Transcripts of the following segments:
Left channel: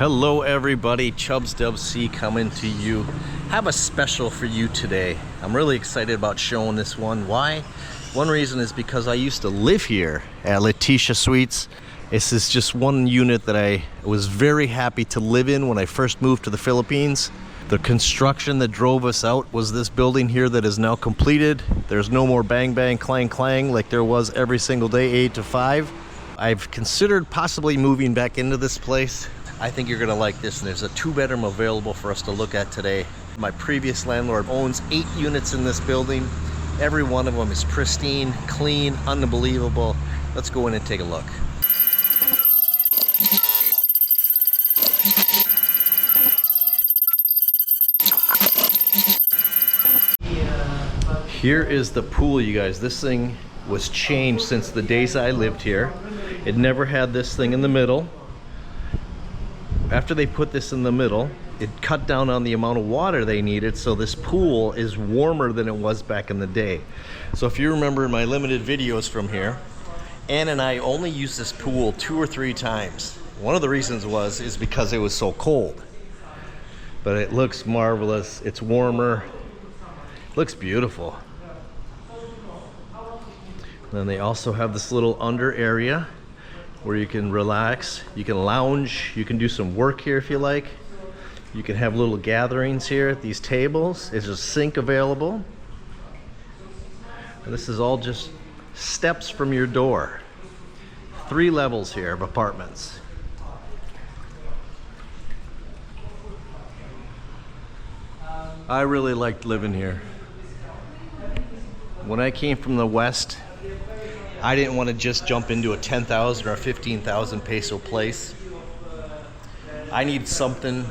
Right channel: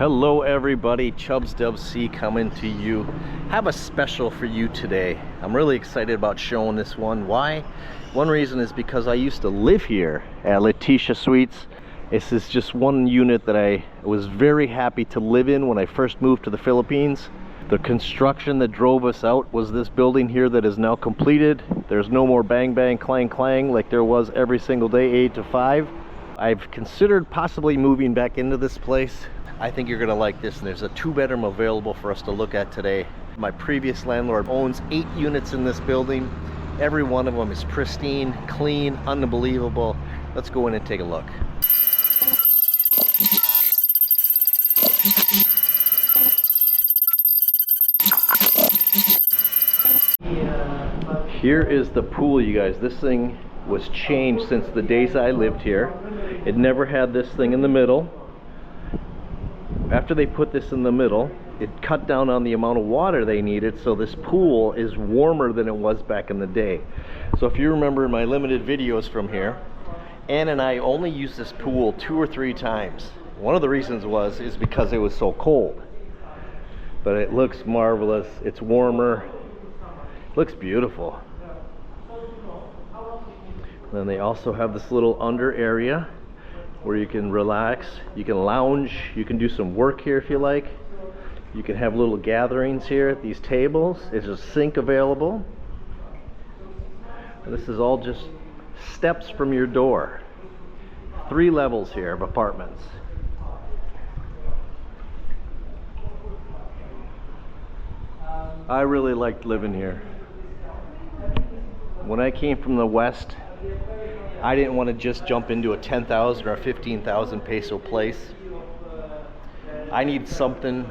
Hello everybody, Chubs C coming to you. Have a special for you today. I'm really excited about showing this one. Why? One reason is because I used to live here at Leticia Suites. This is just one unit that I was very happy to live in when I first moved to the Philippines. The construction that drove us out was this building here that is now completed. There's no more bang bang clang clang like there was every single day 8 to 5. I've considered possibly moving back into this place. I think you're gonna like this, and there's a 2-bedroom available for us to look at today. My previous landlord owns 8 units in this building. Every one of them is pristine, clean, unbelievable. Let's go in and take a look. Here is the pool, you guys. This thing was changed since the days I lived here. It never had this thing in the middle. After they put this in the middle, it cut down on the amount of water they needed, so this pool is warmer than it was back in the day. So if you remember in my limited videos from here, Ann and I only used this pool 2 or 3 times. One of the reasons is because it was so cold. But it looks marvelous. It's warmer. It looks beautiful. Then they also have this little under area where you can relax, you can lounge, you can do some work here if you like. You can have little gatherings here at these tables. There's a sink available. And this is all just steps from your door. 3 levels here of apartments. I really liked living here. When I came from the West, I didn't want to just jump into a 10,000 or a 15,000 peso place. I need something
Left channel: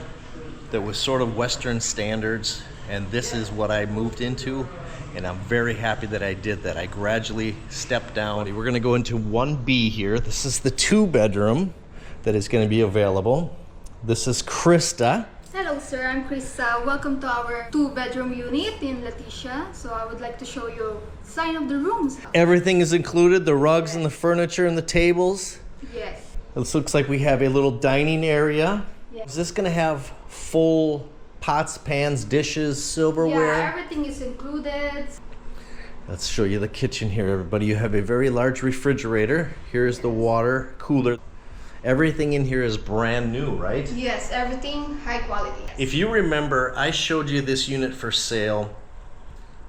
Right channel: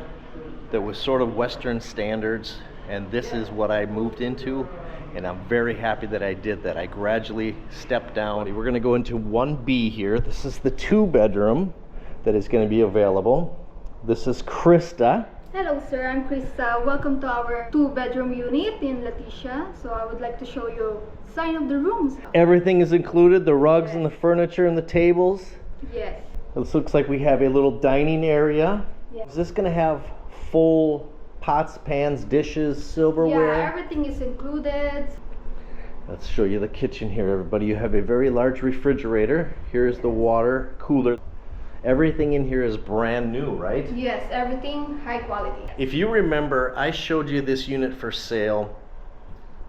that was sort of Western standards, and this is what I moved into, and I'm very happy that I did that. I gradually stepped down. We're going to go into 1B here. This is the 2-bedroom that is going to be available. This is Crista. Hello sir, I'm Crista. Welcome to our 2-bedroom unit in Leticia. So I would like to show you sign of the rooms. Everything is included, the rugs and the furniture and the tables. Yes. This looks like we have a little dining area. Yes. Is this going to have full pots, pans, dishes, silverware? Yeah, everything is included. Let's show you the kitchen here, everybody. You have a very large refrigerator. Here's the water cooler. Everything in here is brand new, right? Yes, everything high quality. If you remember, I showed you this unit for sale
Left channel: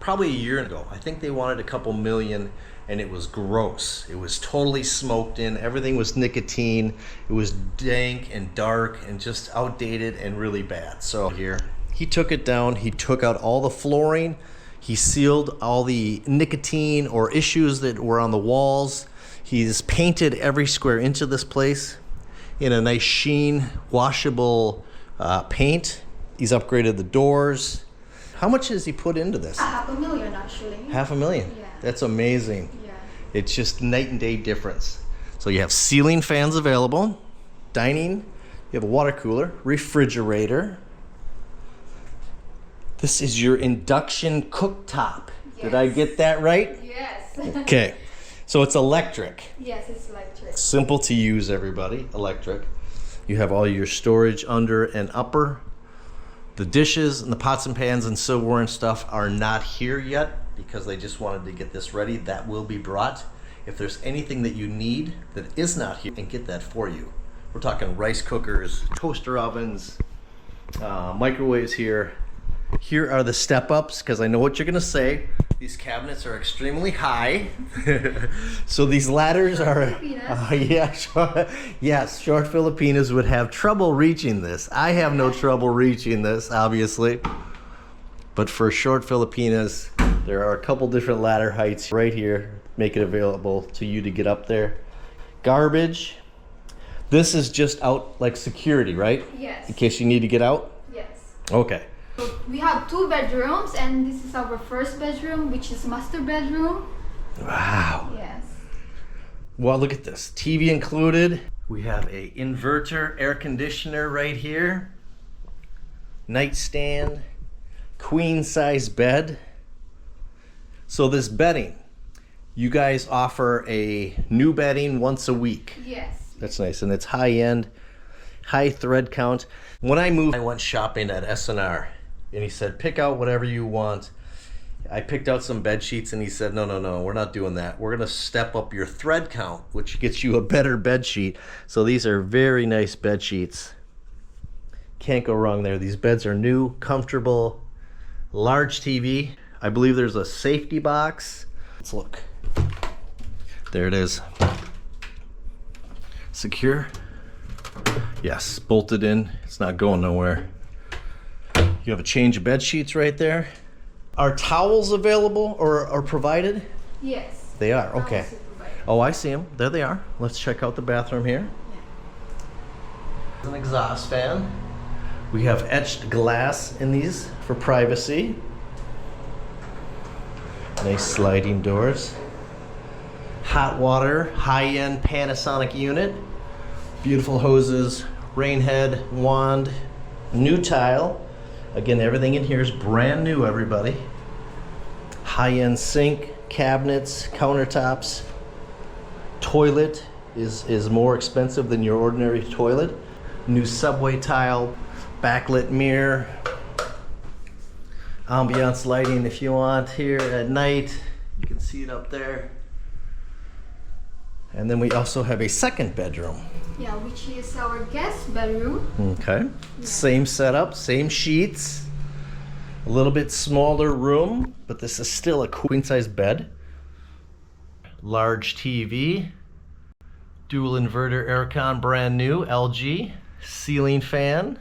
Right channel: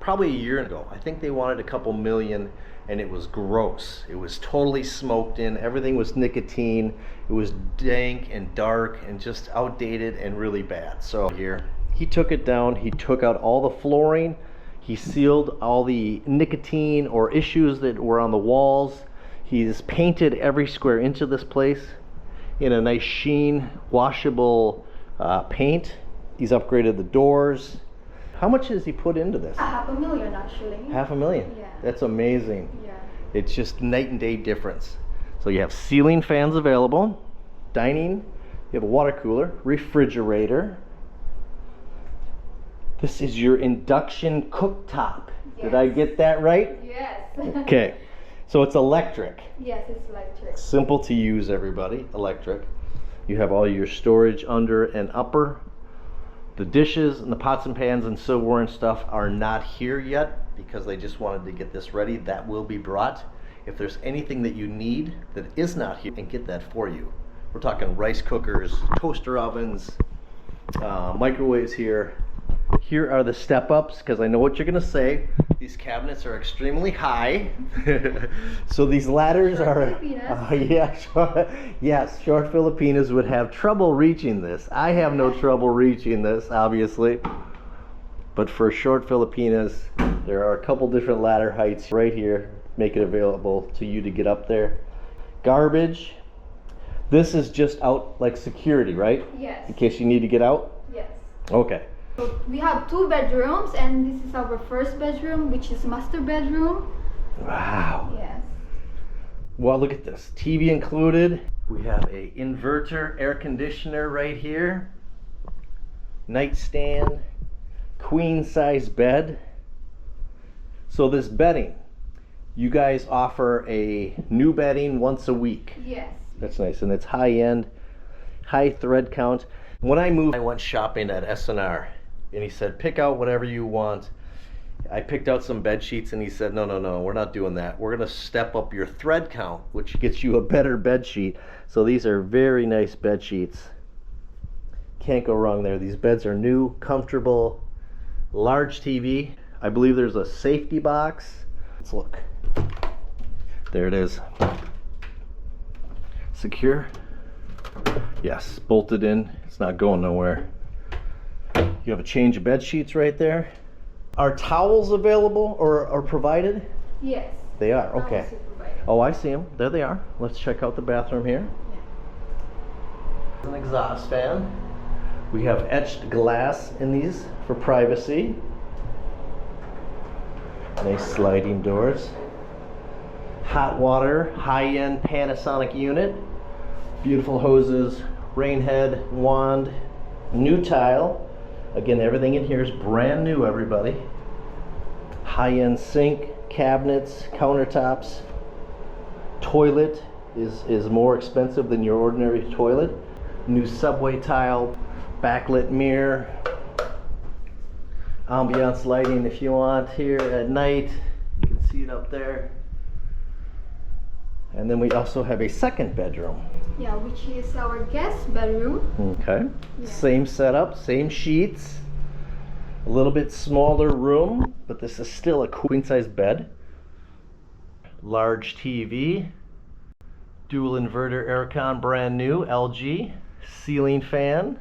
probably a year ago. I think they wanted a couple million, and it was gross. It was totally smoked in. Everything was nicotine. It was dank and dark and just outdated and really bad. So here, he took it down. He took out all the flooring. He sealed all the nicotine or issues that were on the walls. He's painted every square inch of this place in a nice sheen, washable paint. He's upgraded the doors. How much has he put into this? $500,000 actually. $500,000? Yeah. That's amazing. Yeah. It's just night and day difference. So you have ceiling fans available, dining, you have a water cooler, refrigerator. This is your induction cooktop. Yes. Did I get that right? Yes. Okay. So it's electric. Yes, it's electric. Simple to use, everybody. Electric. You have all your storage under and upper. The dishes and the pots and pans and silverware and stuff are not here yet because they just wanted to get this ready. That will be brought. If there's anything that you need that is not here, and get that for you. We're talking rice cookers, toaster ovens, microwaves here. Here are the step-ups, because I know what you're going to say. These cabinets are extremely high. So these ladders are... yes, short Filipinos would have trouble reaching this. I have no trouble reaching this, obviously. But for short Filipinas, there are a couple different ladder heights right here. Make it available to you to get up there. Garbage. This is just out like security, right? Yes. In case you need to get out? Yes. Okay. So we have 2 bedrooms, and this is our first bedroom, which is master bedroom. Wow. Yes. Well, look at this. TV included. We have a inverter air conditioner right here. Nightstand. Queen size bed. So this bedding, you guys offer a new bedding once a week. Yes. That's nice, and it's high end. high thread count. When I moved, I went shopping at S&R, and he said, pick out whatever you want. I picked out some bed sheets, and he said, no, we're not doing that. We're gonna step up your thread count, which gets you a better bed sheet. So these are very nice bed sheets. Can't go wrong there. These beds are new, comfortable, large TV. I believe there's a safety box. Let's look. There it is. Secure. Yes, bolted in. It's not going nowhere. You have a change of bed sheets right there. Are towels available or provided? Yes. They are, okay. Also provided. Oh, I see them. There they are. Let's check out the bathroom here. An exhaust fan. We have etched glass in these for privacy. Nice sliding doors. Hot water, high-end Panasonic unit. Beautiful hoses, rain head, wand, new tile. Again, everything in here is brand new, everybody. High-end sink, cabinets, countertops. Toilet is more expensive than your ordinary toilet. New subway tile, backlit mirror. Ambiance lighting if you want here at night. You can see it up there. And then we also have a second bedroom. Yeah, which is our guest bedroom. Okay. Yeah. Same setup, same sheets. A little bit smaller room, but this is still a queen size bed. Large TV. Dual inverter aircon, brand new, LG. Ceiling fan.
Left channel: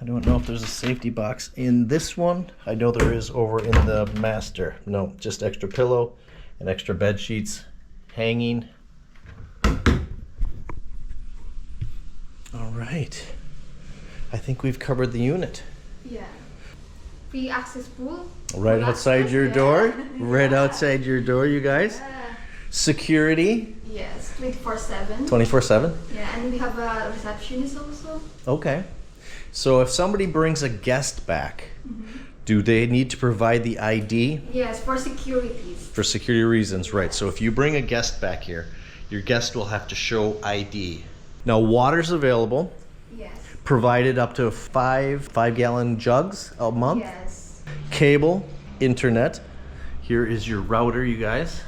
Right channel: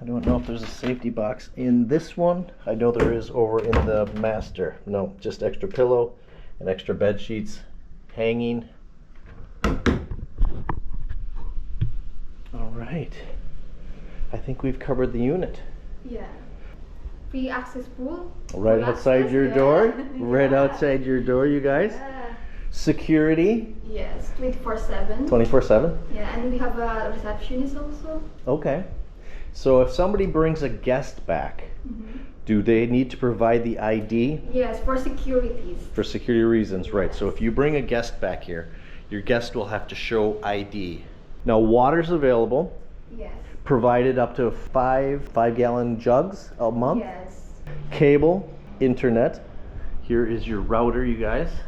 I don't know if there's a safety box in this one. I know there is over in the master. No, just extra pillow and extra bed sheets hanging. All right. I think we've covered the unit. Yeah. Free access pool. Right outside your door. Right outside your door, you guys. Yeah. Security. Yes, 24/7. 24/7. Yeah, and we have a receptionist also. Okay. So if somebody brings a guest back, do they need to provide the ID? Yes, for securities. For security reasons, right. So if you bring a guest back here, your guest will have to show ID. Now, water's available, Yes. provided up to five gallon jugs a month. Yes. Cable, internet. Here is your router, you guys.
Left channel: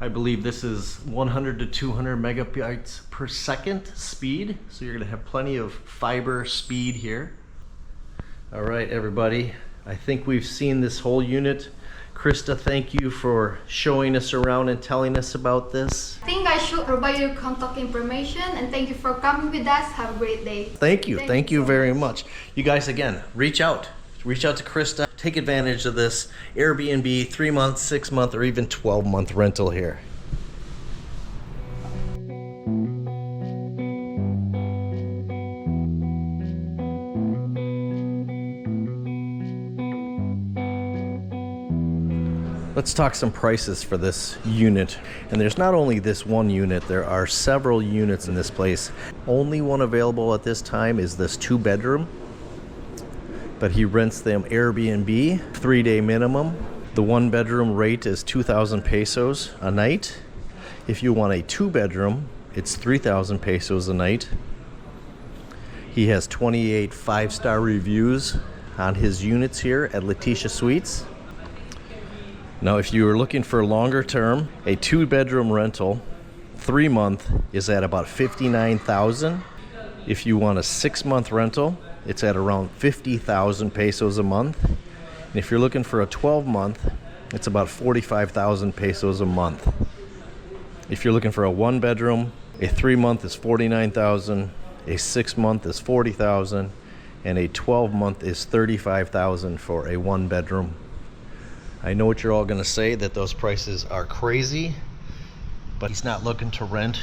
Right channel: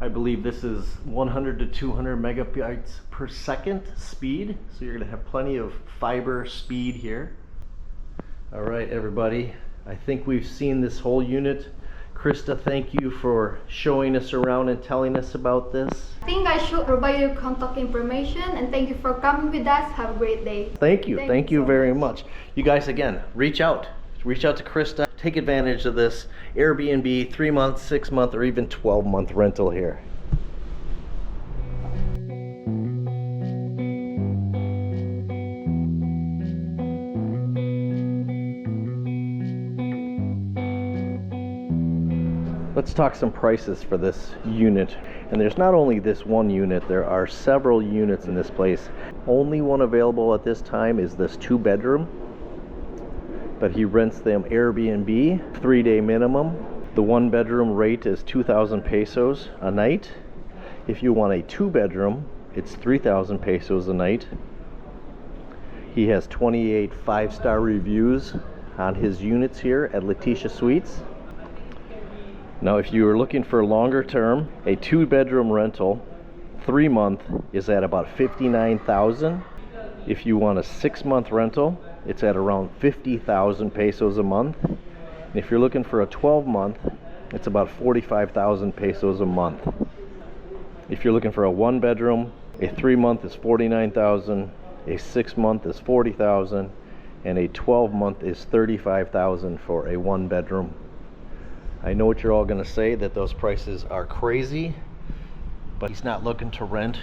I believe this is 100 to 200 megabytes per second speed. So you're gonna have plenty of fiber speed here. All right, everybody. I think we've seen this whole unit. Crista, thank you for showing us around and telling us about this. I think I should provide your contact information, and thank you for coming with us. Have a great day. Thank you. Thank you so very much. You guys, again, reach out. Reach out to Crista. Take advantage of this Airbnb 3-month, 6-month, or even 12-month rental here. Let's talk some prices for this unit. And there's not only this one unit, there are several units in this place. Only one available at this time is this 2-bedroom, but he rents them Airbnb, 3-day minimum. The 1-bedroom rate is 2,000 pesos a night. If you want a 2-bedroom, it's 3,000 pesos a night. He has 28 5-star reviews on his units here at Leticia Suites. Now, if you are looking for longer term, a 2-bedroom rental, 3-month is at about 59,000. If you want a 6-month rental, it's at around 50,000 pesos a month. And if you're looking for a 12-month, it's about 45,000 pesos a month. If you're looking for a 1-bedroom, a 3-month is 49,000, a 6-month is 40,000, and a 12-month is 35,000 for a 1-bedroom. I know what you're all going to say, that those prices are crazy, but he's not looking to rent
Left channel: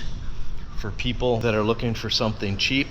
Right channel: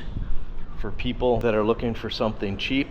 for people that are looking for something cheap.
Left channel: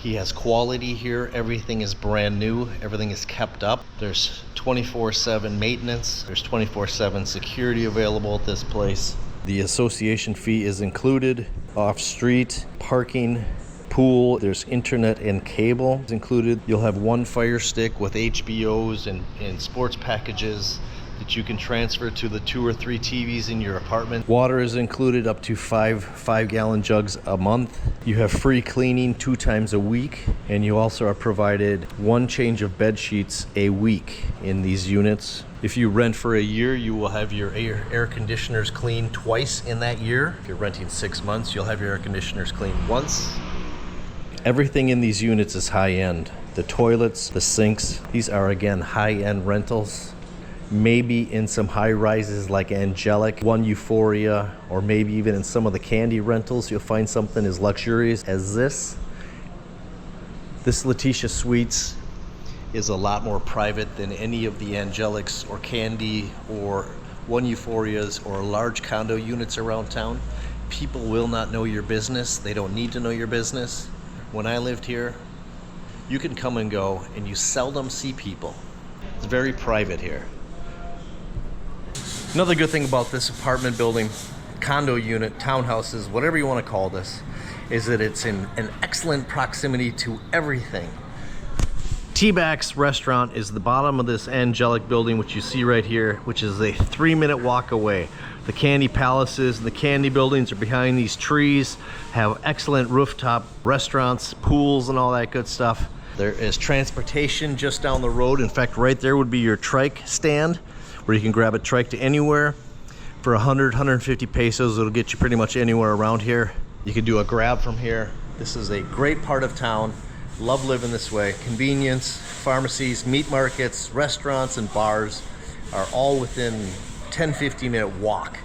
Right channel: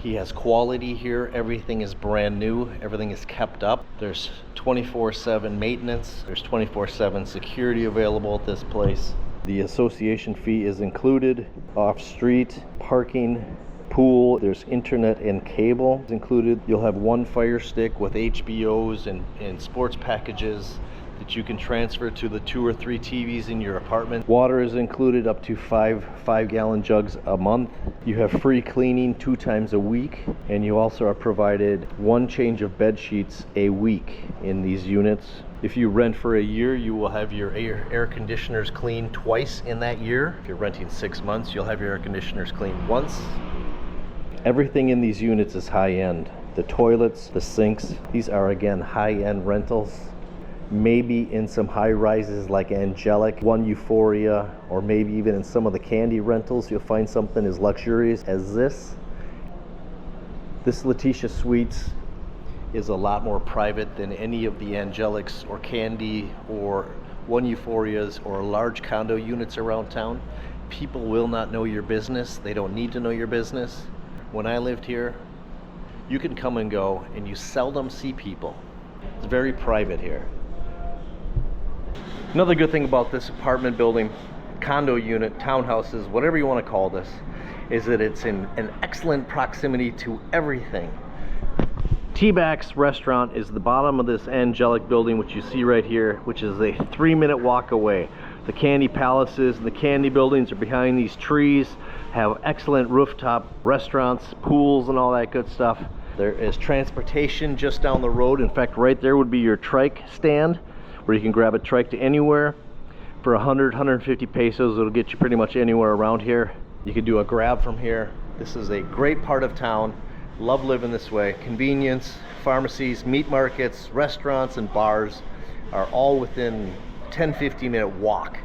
He has quality here. Everything is brand new. Everything is kept up. There's 24/7 maintenance. There's 24/7 security available at this place. The association fee is included. Off-street parking, pool, there's internet and cable is included. You'll have one Fire Stick with HBOs and sports packages. that you can transfer to the 2 or 3 TVs in your apartment. Water is included up to 5 gallon jugs a month. You have free cleaning 2 times a week, and you also are provided 1 change of bed sheets a week in these units. If you rent for a year, you will have your air conditioners cleaned twice in that year. If you're renting 6 months, you'll have your air conditioners cleaned once. Everything in these units is high-end. The toilets, the sinks, these are again high-end rentals. Maybe in some high rises like Angelic, One Euphoria, or maybe even in some of the Candy rentals, you'll find something as luxurious as this. This Leticia Suites is a lot more private than any of the Angelics or Candy or One Euphorias or large condo units around town. People will not know your business. They don't need to know your business. When I lived here, you can come and go and you seldom see people. It's very private here. Another good thing about this apartment building, condo unit, townhouses, whatever you want to call this, is that it's in an excellent proximity to everything. T-Back's restaurant is the bottom of this Angelic building, which you see right here, which is a 3-minute walk away. The Candy Palaces and the Candy buildings are behind these trees, have excellent rooftop restaurants, pools, and all that good stuff. There is transportation just down the road. In fact, right there would be your trike stand, where you can grab a trike to anywhere. For 150 pesos, it'll get you pretty much anywhere around here. You can do a grab from here. This is a great part of town. Love living this way. Convenience, pharmacies, meat markets, restaurants, and bars are all within 10-15 minute walk.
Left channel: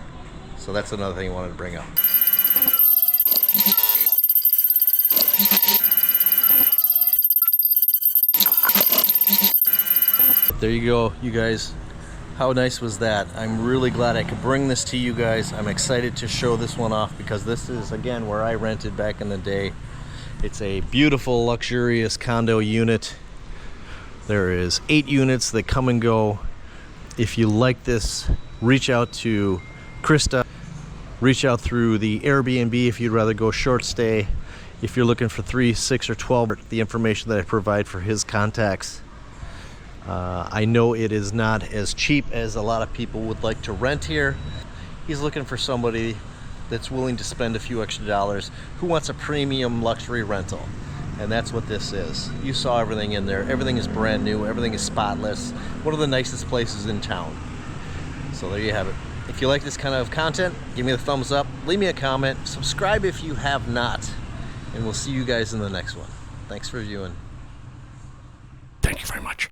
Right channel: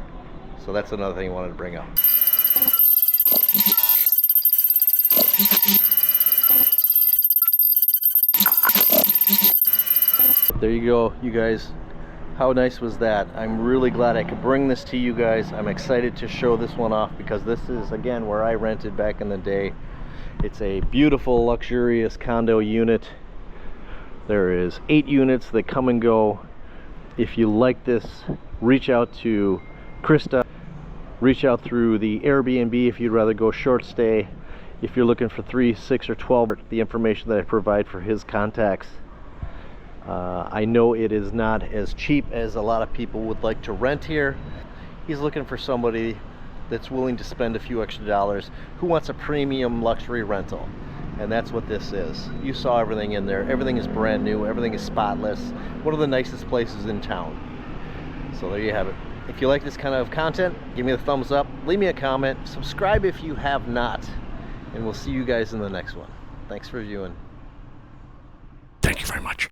So that's another thing I wanted to bring up. There you go, you guys. How nice was that? I'm really glad I could bring this to you guys. I'm excited to show this one off because this is, again, where I rented back in the day. It's a beautiful, luxurious condo unit. There is 8 units that come and go. If you like this, reach out to Crista. Reach out through the Airbnb if you'd rather go short stay. If you're looking for 3, 6, or 12, the information that I provide for his contacts. I know it is not as cheap as a lot of people would like to rent here. He's looking for somebody that's willing to spend a few extra dollars, who wants a premium luxury rental. And that's what this is. You saw everything in there. Everything is brand new. Everything is spotless. One of the nicest places in town. So there you have it. If you like this kind of content, give me a thumbs up. Leave me a comment. Subscribe if you have not. And we'll see you guys in the next one. Thanks for viewing. Thank you very much.